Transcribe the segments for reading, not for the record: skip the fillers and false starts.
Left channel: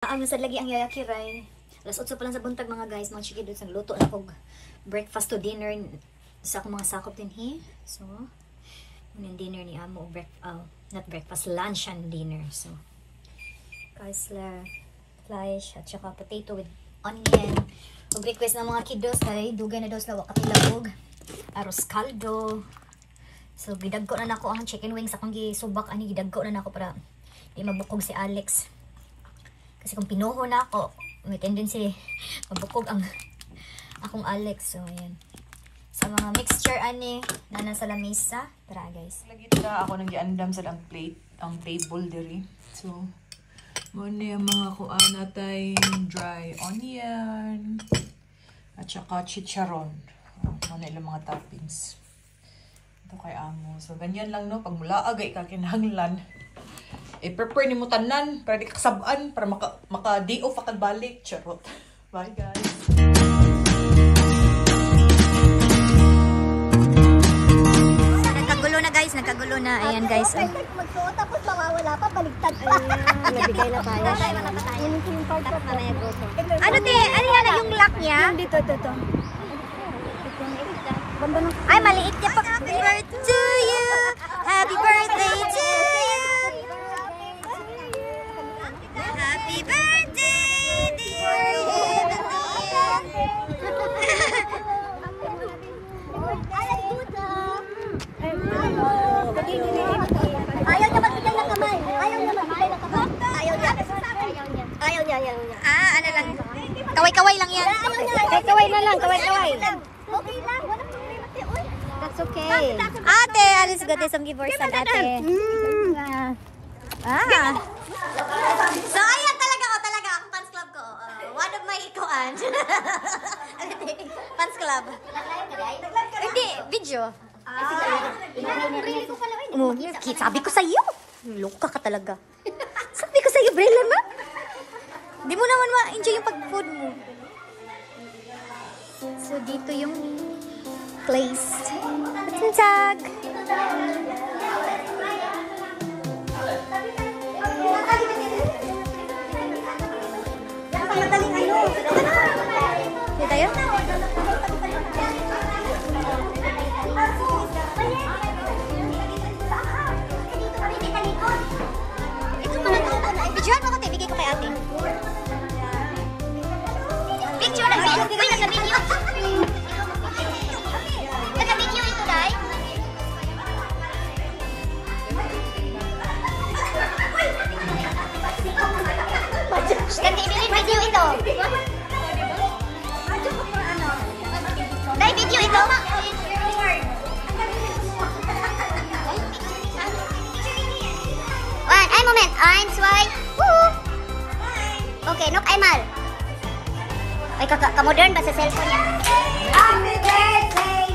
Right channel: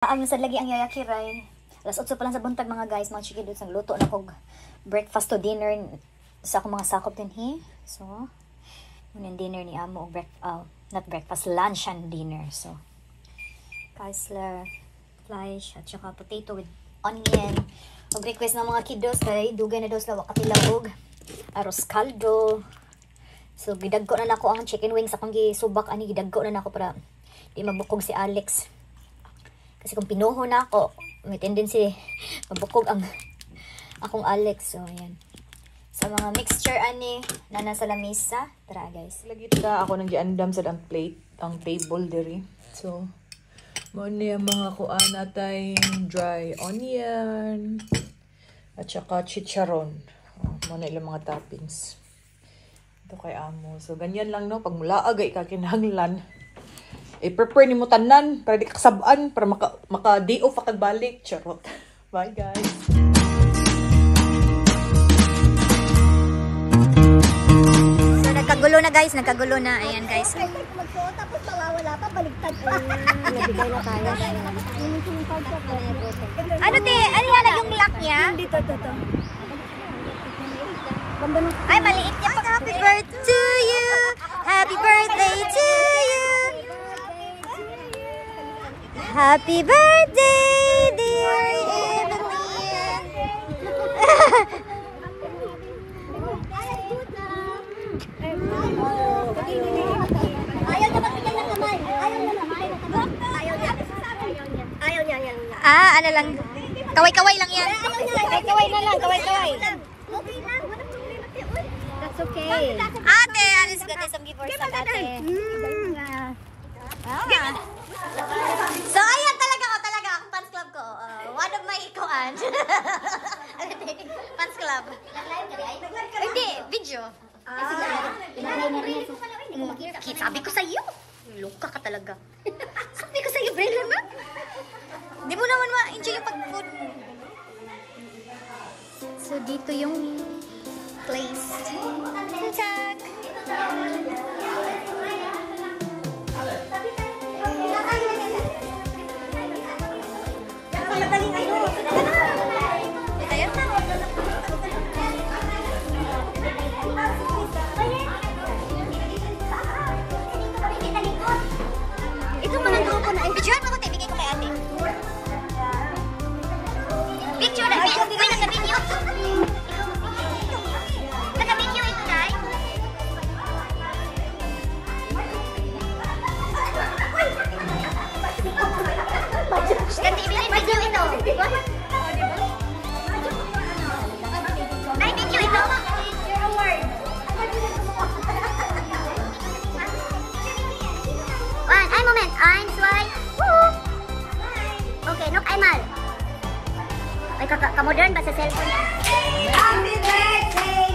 Ang sad lagi ang yayaki rin. Alas 8 pa lang sa buntag mga guys, mga chiki doon luto na kog breakfast to dinner sa akong mga sakop din he. So, yun dinner ni amo not breakfast, lunch and dinner. So, kaisla flesh at saka potato with onion. Og request ng mga kiddos kay dugay na daw sila wakatilag og arroz caldo. So, gidagko na nako ang chicken wings akong gisubak ani gidagko na nako para di mabukog si Alex. Kasi kung pinuho na ako, may tendency mabukog ang akong Alex. So, ayan. Sa mga mixture ani na nasa lamisa. Tara guys. Lagi tara ako nang giandam sa ang plate, ang table diri. So, mo niya mga kuan natay dry onion at saka chicharon. Ano ilang mga toppings. Ito kay amo. So, ganyan lang no. Pag mula agay ka kinahanglan. I-prepare ni mo tanan para di kakasabaan para maka-day off kagbalik. Charot. Bye guys. So nagkagulo na guys, nagkagulo na. Ayan guys. Magsuot tapos mawawala pa, baligtad pa. Nabigay na tayo. Ano te? Ano yan yung lock niya? Dito. Ay, maliit niya pa. Happy birthday to you! Happy birthday to you! Happy birthday, dear Evelyn! Ayaw niya magbigay ng kamay. Ayaw niya. Ah, ano lang. Kaway-kaway lang yan. Kaway na lang, kaway. Okay lang, walang problema. That's okay. Ate, alis ko tayo some giveaways sa ate. So, ayan talaga ang fans club ko. One of my ikuan. Fans club. Hindi, video. Sabi ko sa iyo. Loka ka talaga. Sabi ko sa iyo, Bella na. Hindi mo naman ma-enjoy yung pag-food mo. So, dito yung place. Tag! Okay, nok einmal. Ay, ka-modern ba sa cellphone niya? Happy birthday!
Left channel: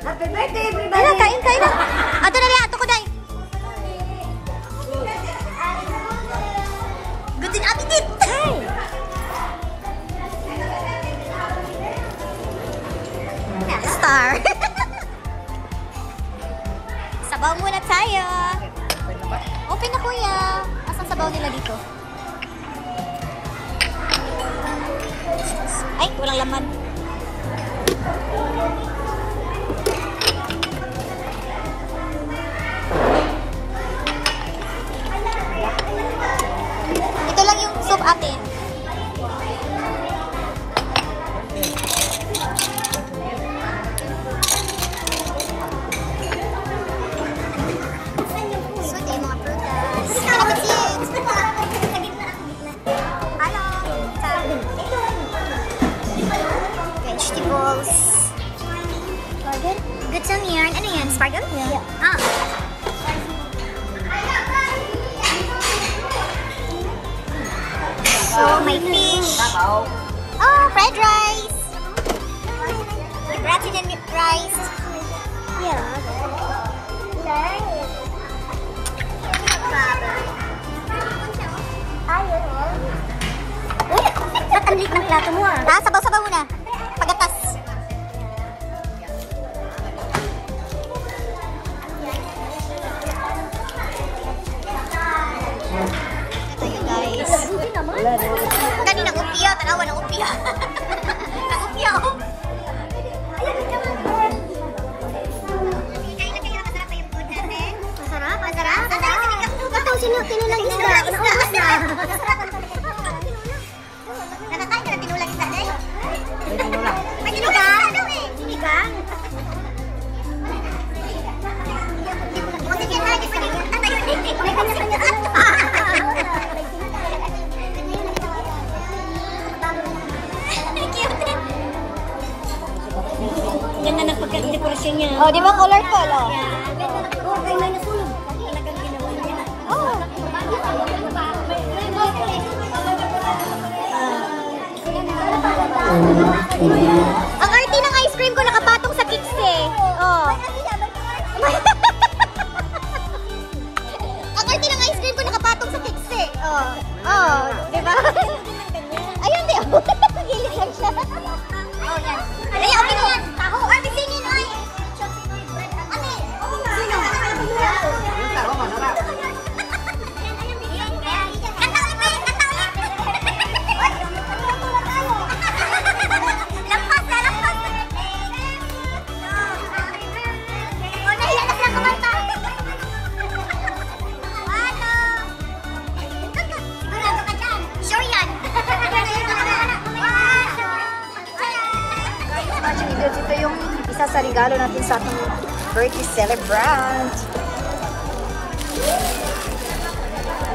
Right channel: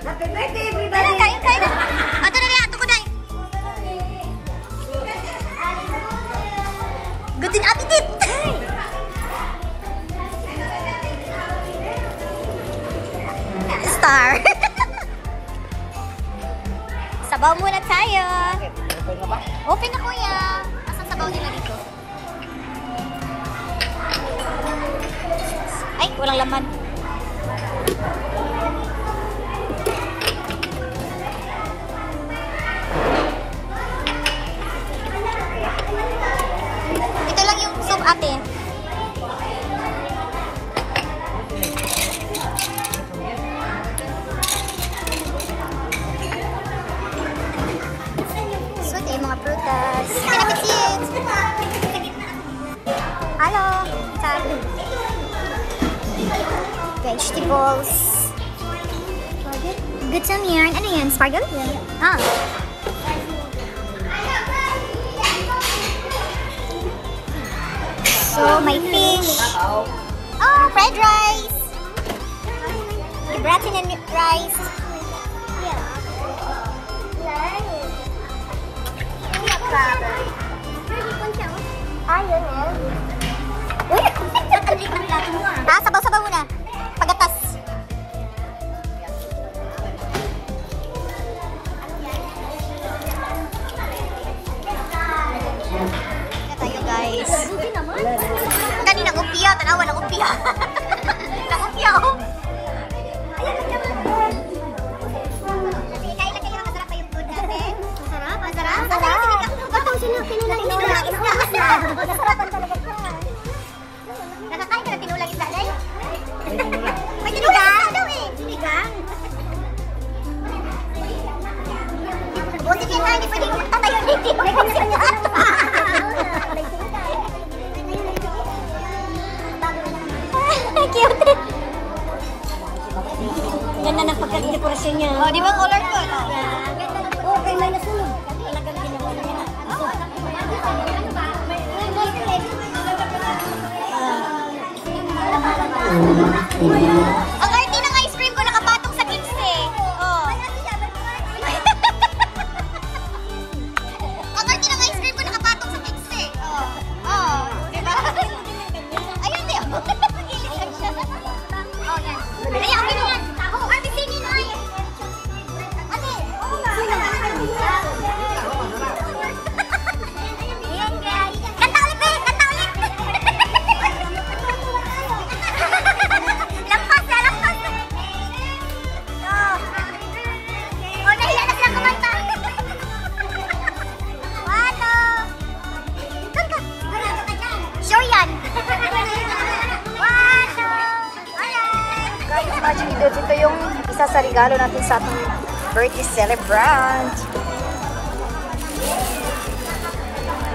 Happy birthday, everybody! Ano, kain. Ato na rin, ato ko dahil. Good din attitude! Star! Sabaw muna tayo. Open na kuya. Asan sabaw nila dito? Ay, walang laman. Ito lang yung soup ate. Vegetables. Good yan yan. Ano yan? Sparkle? Yeah. Ah. So, may fish. Oh, fried rice. Gratin and rice. Yeah. Uy, ba't ang liit ng plato mo? Ah, sabaw-sabaw muna. Pagatas. tayo guys. Kanina nag-upya, tanawa nag-upya. Nag-upya oh. Masarap. Ito, tinulang isda. Nakakain ka na tinulang isda, Day? May tinulang. May tinulang? Sinigang. Buti ka na, hindi pwede punta tayo. May kanya-kanya. Ganda ng pagka-dekorasyon niya. Oh, di ba colorful? Oh, kay may nasulog. Talagang ginawa niya. Ang arty ng ice cream ko nakapatong sa kicks eh. Oh. Ang arty ng ice cream ko nakapatong sa kicks eh. Oh. Oh, di ba? Ayun din. Gilis lang siya. Oh, yan. Kaya okay na yan. Ako, arty singin ay. Ito yung isa sa regalo natin sa atong birthday celebrant.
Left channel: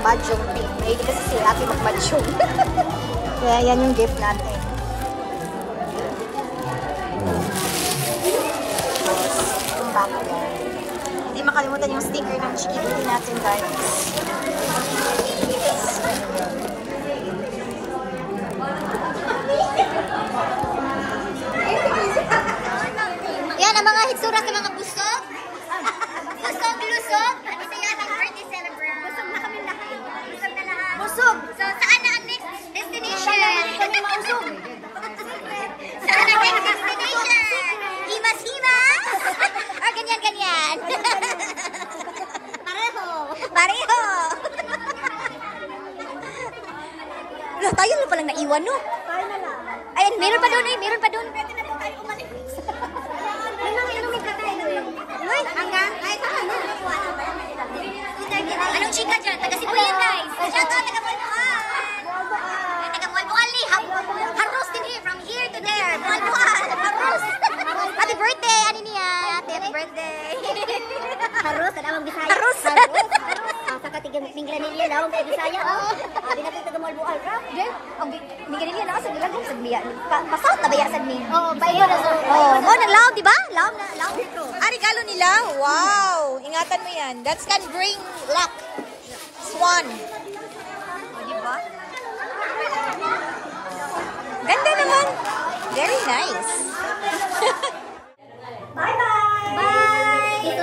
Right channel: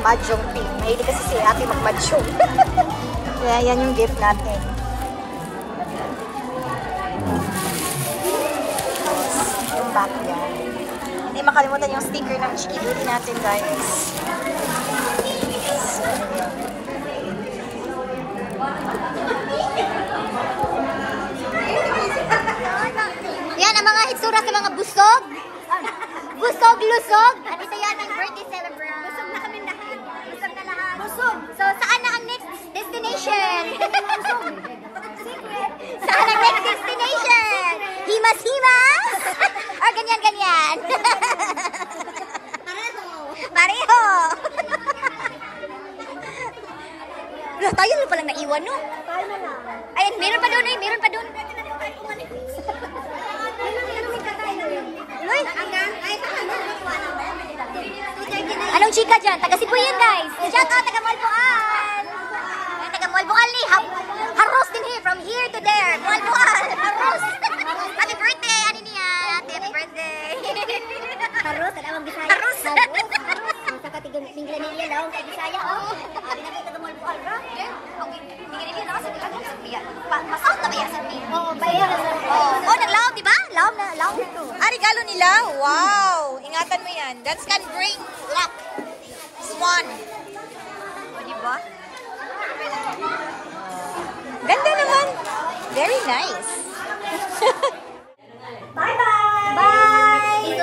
Mahjong team. Mahilig kasi si ate mag-mahjong. Kaya yan yung gift natin. Yung back yan. Hindi makalimutan yung sticker ng Chiki Duty natin, guys. Yan ang mga hitsura ng mga busog. Busog, lusog. Ano sa yan ang birthday celebrant? Busog na kami lahat. Busog na lahat. Busog. So, saan na ang next destination? Saan ang next destination? Himas-himas? Or ganyan-ganyan? Pareho. Tayo na palang naiwan, no? Ayan, meron pa doon eh. Meron pa doon. Anong chika dyan? Taga-Sibuyan, guys. Shout out, taga-Malbual. Taga-Malbual ni. Haros din here. From here to there. Malbual. Haros. Happy birthday. Ano niya? Happy birthday. Haros. Kadawang Bisaya. Haros. Ang sakatigang-mingla niya daw. Kay Bisaya. Hindi na taga Malbual. Hindi ka nila sa gilagay sa biya. Masal na baya sa niya. Oo, baya. Oo, naglaom, di ba? Laom na. Laom ito. Regalo nila? Wow! Ingatan mo yan. That can bring luck. Swan. O, di ba? Ganda naman. Very nice. Bye-bye! Bye!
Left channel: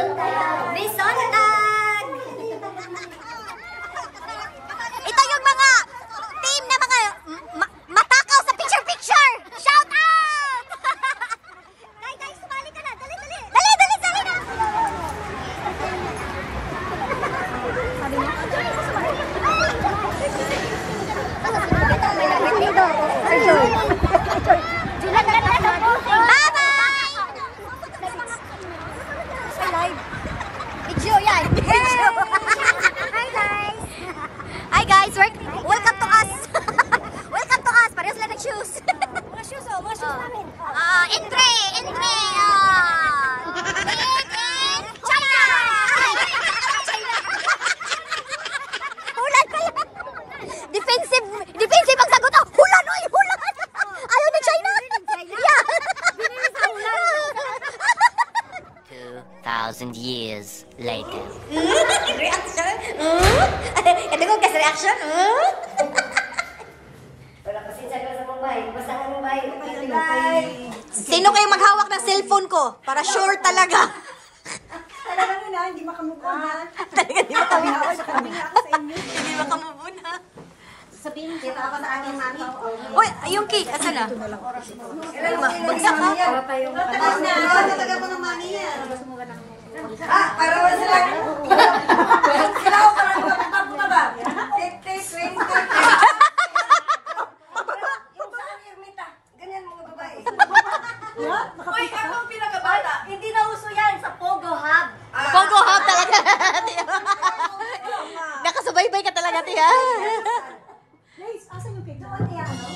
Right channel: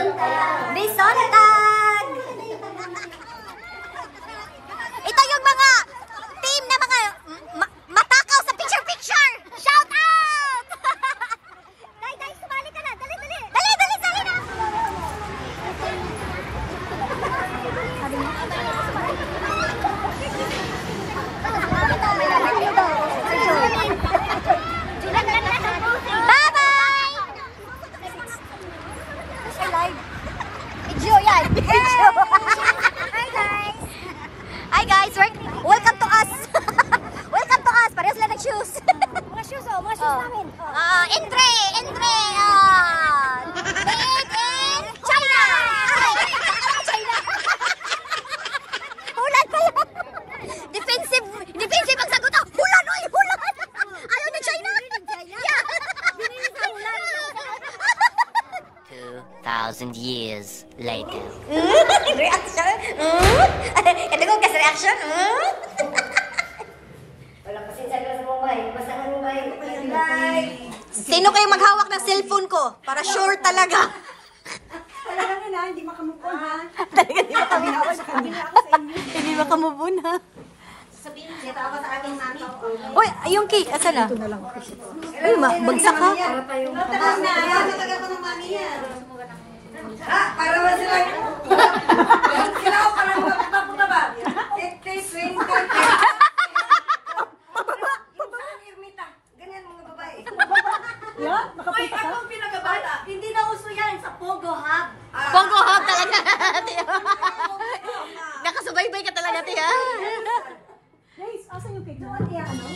Bisontag! Ito yung mga team na mga matakaw sa picture-picture! Shout out! Guys, sumali ka na! Dali, dali! Dali, dali, dali na! Bye-bye! Say live. Video yan. Video. Hi guys. Hi guys. Welcome to us. Welcome to us. Parehas lang nag-shoes. Entry. Made in China. Hulan pa yan. Defensive ang sagot. Hulan, oy. Hulan. Ayaw ni China. Yeah. 2,000 years later. Reaction? Ito ko kasi reaction? Walang pasensya ka sa mobile. Basta ka mobile. Bye. Sino kayo maghawak ng cellphone ko? Para sure talaga. Talaga na, hindi makamupon ha. Talaga hindi makamupon. Hindi makamupon ha. Sabihin, dito ako sa ating mami. Uy, yung cake, asan na? Bagsak ka. Nataga pa ng mami yan. Arawan sila. Sila ako parang makatapunta ba? Tiya. Nakasubaybay ka talaga, Tiya. Guys, asan yung cake na? Kaya ano?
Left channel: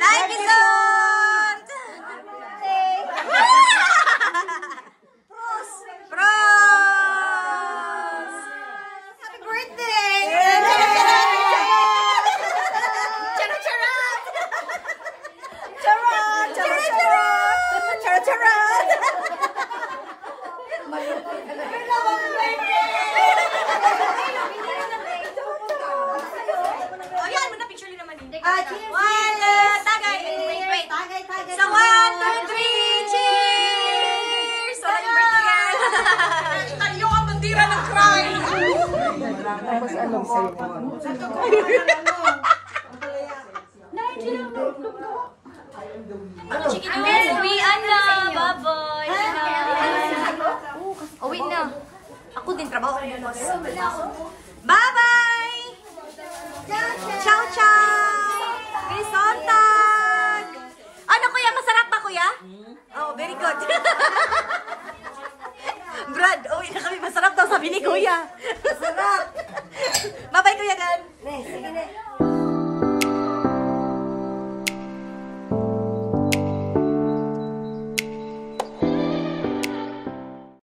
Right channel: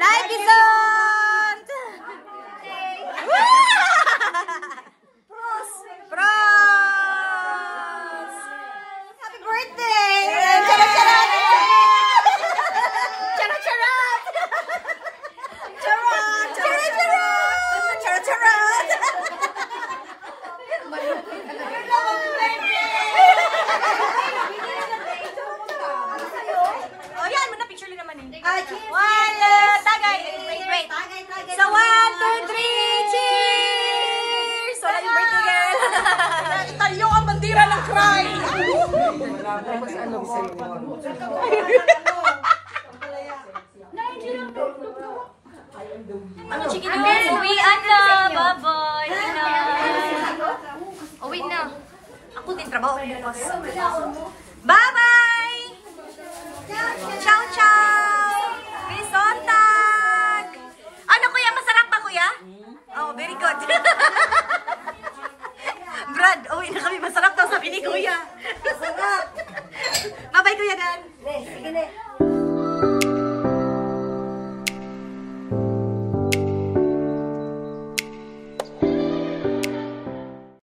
Life is on! Pros! Happy birthday! Charat-charat! Charat-charat! Charat! Charat-charat! Charat-charat! Oh, yan! Muna picture naman eh. One, tagay! Wait. So, 1, 2, 3, cheers! Wala yung birthday girl! Tayo ang bandira ng cry! Tapos alam sa'yo. Ano, chicken girl? Uwian na! Bye-bye! Uwi na. Ako din trabaho bukas. Bye-bye! Ciao, ciao!